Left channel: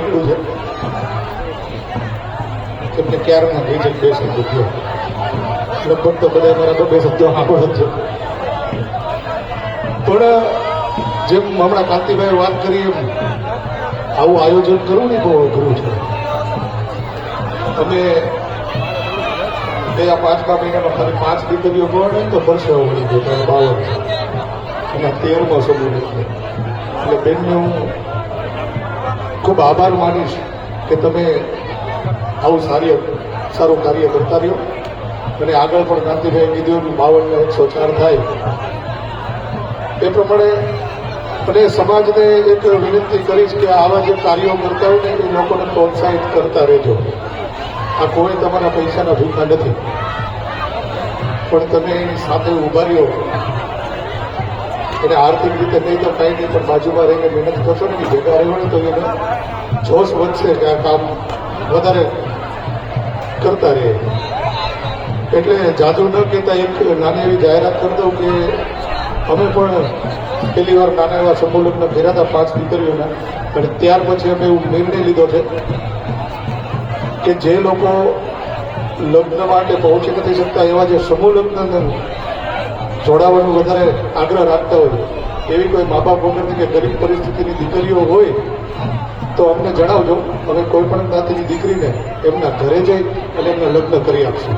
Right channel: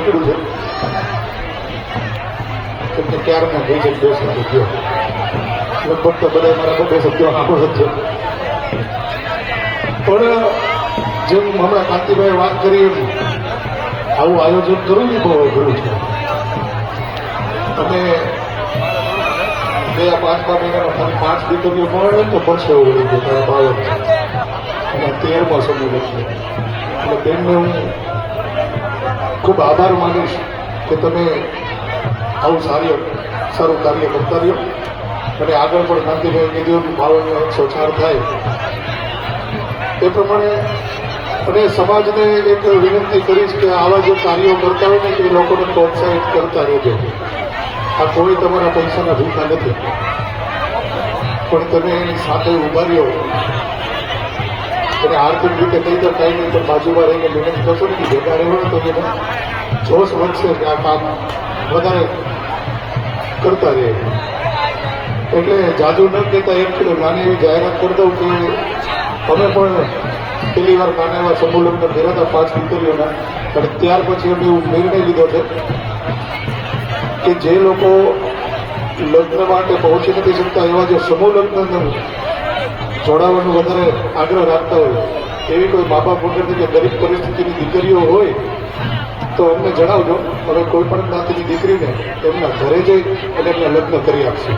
નીકળ્યું છે. કેમ કે ક્યારના થઈ છે બે થયો લગભગ તો બધા મારા બે શબ્દો સાંભળે જ છે. પણ જેમ હમણાં કાંતિભાઈએ વાત કરી એમ, આવું આયોજન કરવું ને બહુ અઘરું છે. તમે ગયા પાંચમા મહિનામાં ખાલી પાંચ દીકરીઓ પણ તો બસો વળી ગયો અને તેરમાં સમય એટલે બેનનો ખૂબ આભાર માનીશ કે તમે આવું સારી સારું કાર્ય કરતા રહ્યો. અને આગળ પણ ગાંધીભાઈ કીધું બાવન શોષણ થાય. એ પ્રમાણે અને સમાજને એક વિનંતી કરીશ કે આવા જો કાર્યો કરતા હોય ને એ લોકોને પ્રોત્સાહિત કરતા રહેજો. આ કોઈ તમારા પૈસાને ભૂખા નથી. પણ તમે એની સાથે ઊભા રહ્યો. અને આર્થિક રીતે નહીં તો કંઈ નહીં. પણ બાજુમાં રહીને મહેનત કરશો ને, ભેગા રહ્યો તો એને જોશ વધશે આ કામ વધારે કરતા રહે. એટલે જાદુ ન કહેતા એક નાની એવી જાહેરાત કરી દઉં કે અમે પણ પહેલી વાર નાના એવા સમૂહ ઘેરા હતા પાંચ દીકરીઓને પણ ત્યાર પછી અમે એવું નિર્ણય લીધો છે કે જે લોકો લગ્ન માટે પહોંચી નથી શકતા એવા જે સમૂહ લગ્ન જોડાવાનું વધારે આગ્રહ રાખતા હોય, એવી કોઈ મા બાપ વગરની કે ગરીબ પરિસ્થિતિની દીકરીઓ હોય, તો અમને જણાવજો. અમે કોઈ પણ જ્ઞાતિની દીકરીને એમના ઘરે જઈ અને એમને લગ્ન કરી આપશું.